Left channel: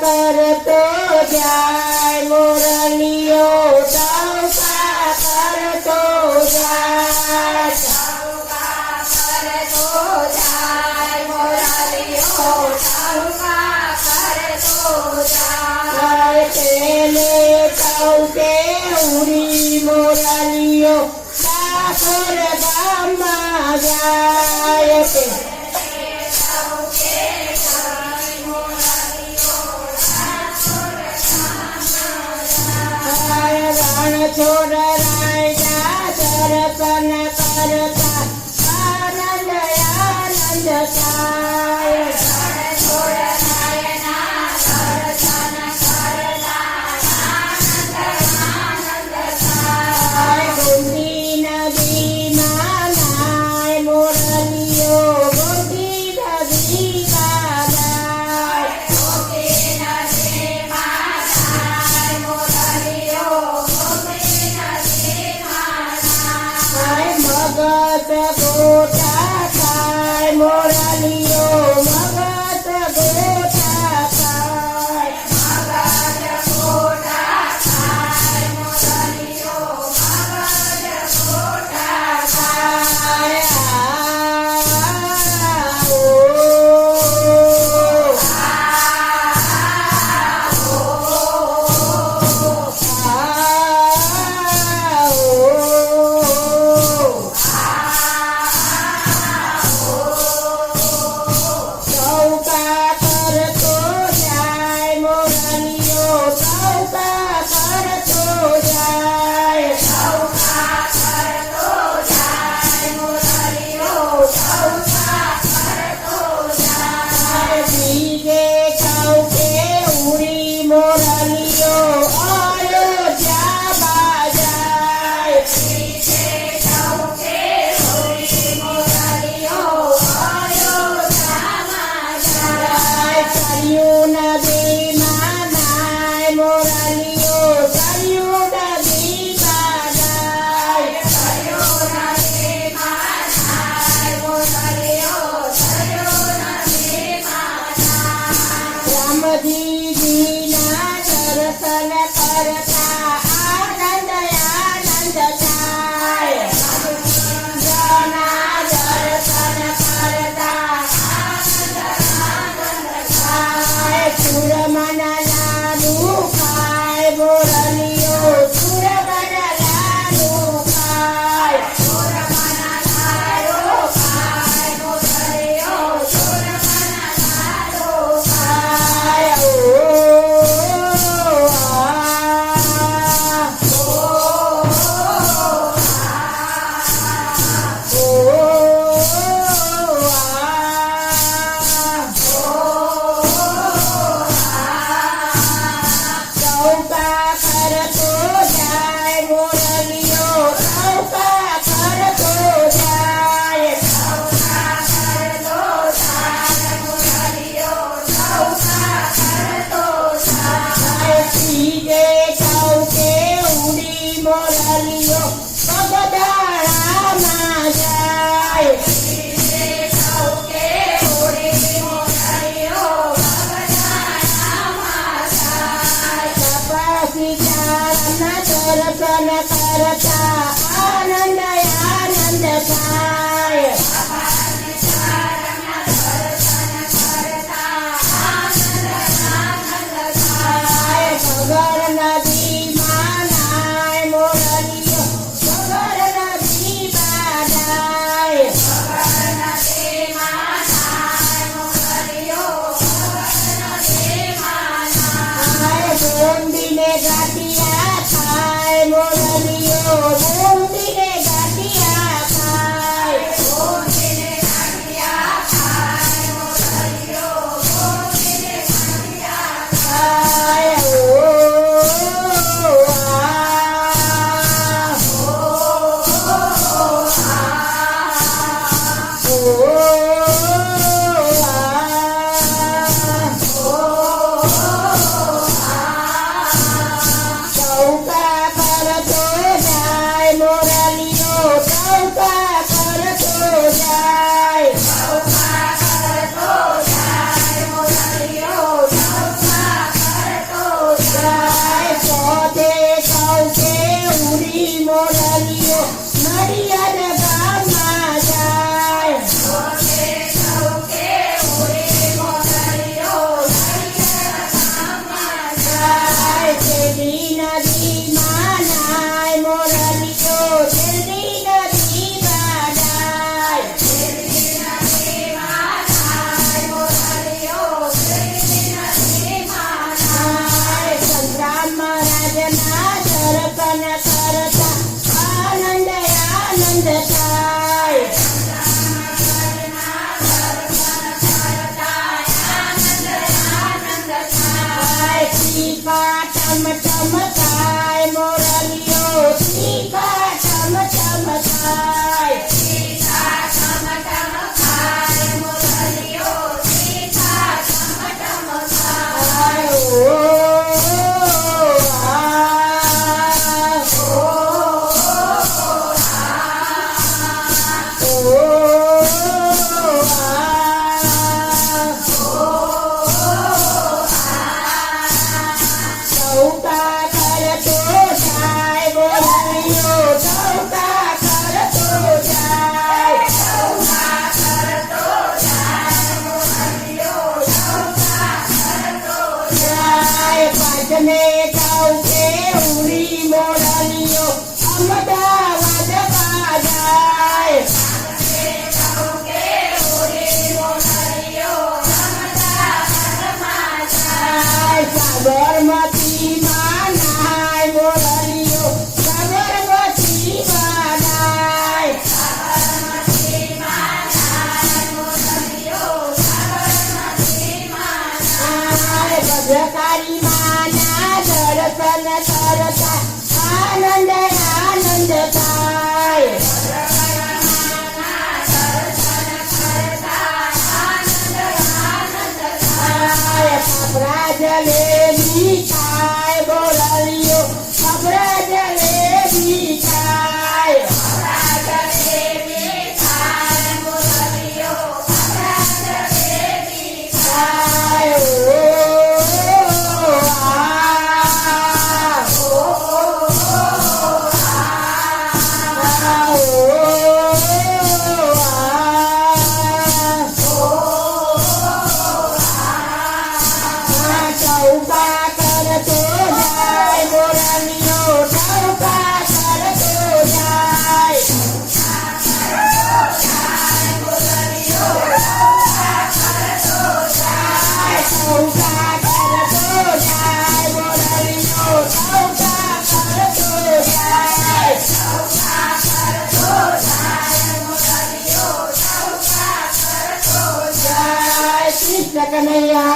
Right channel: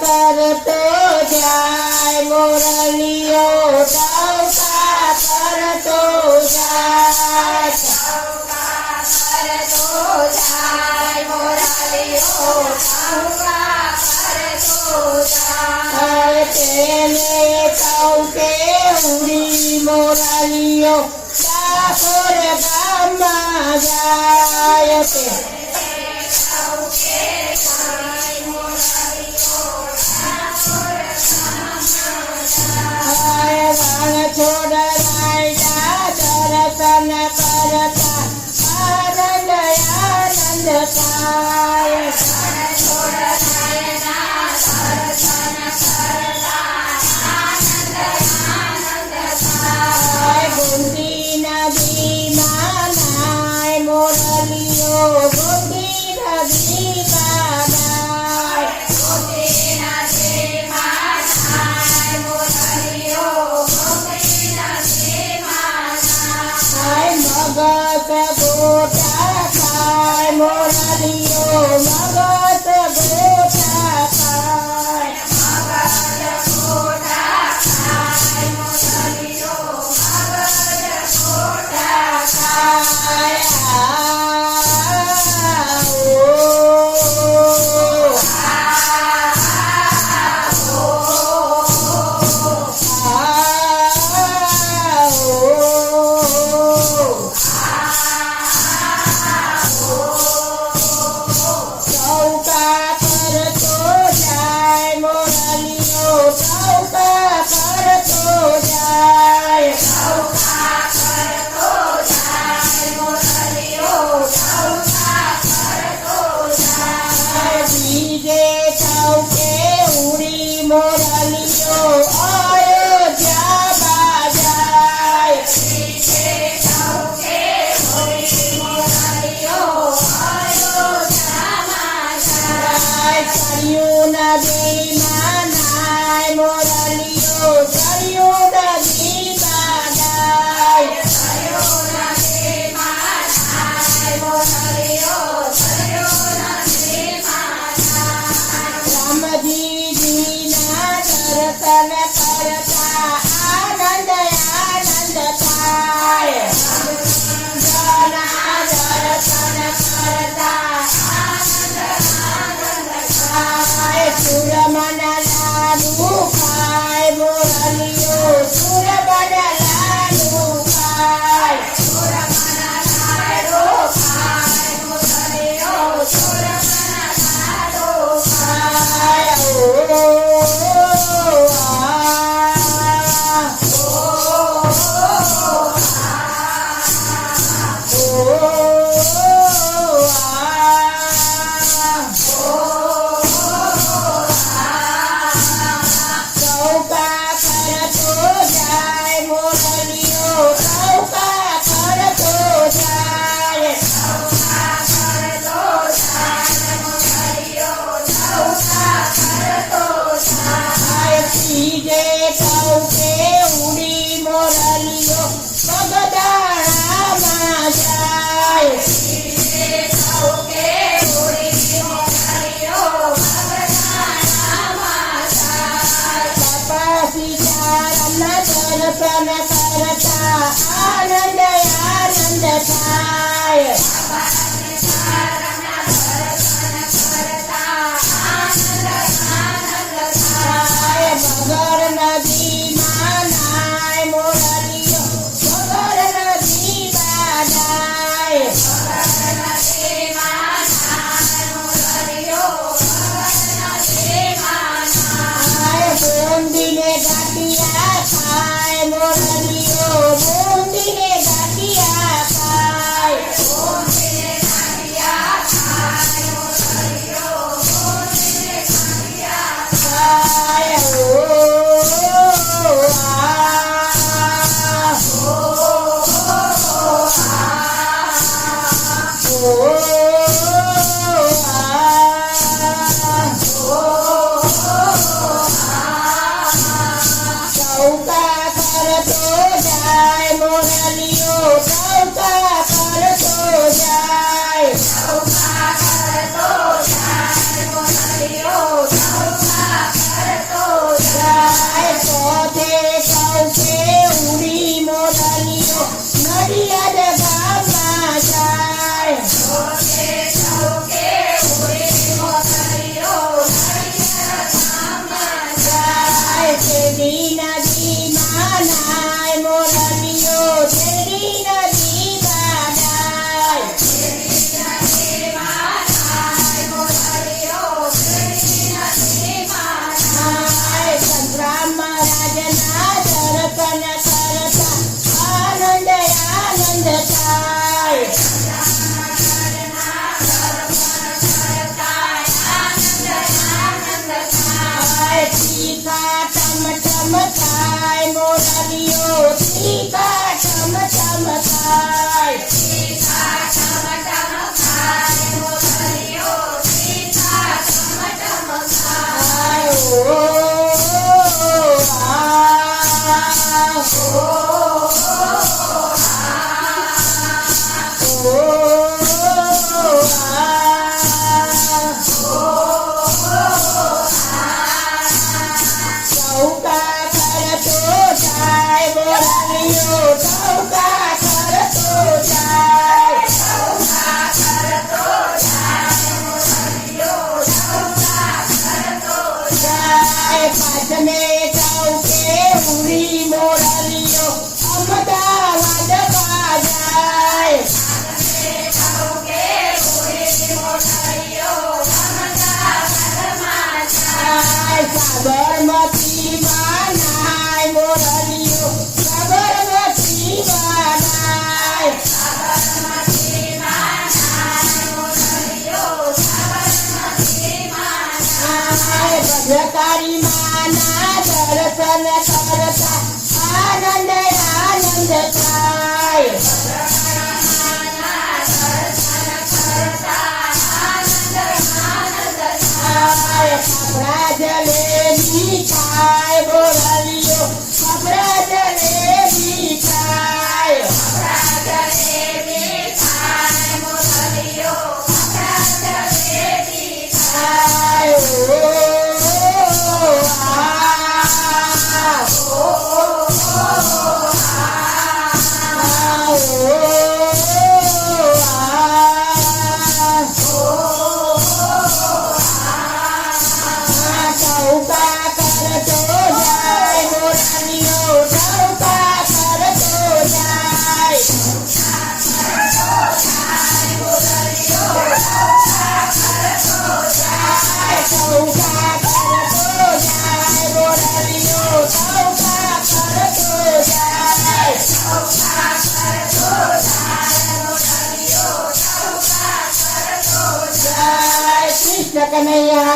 करतो द्या Jalani Ka ચૌકા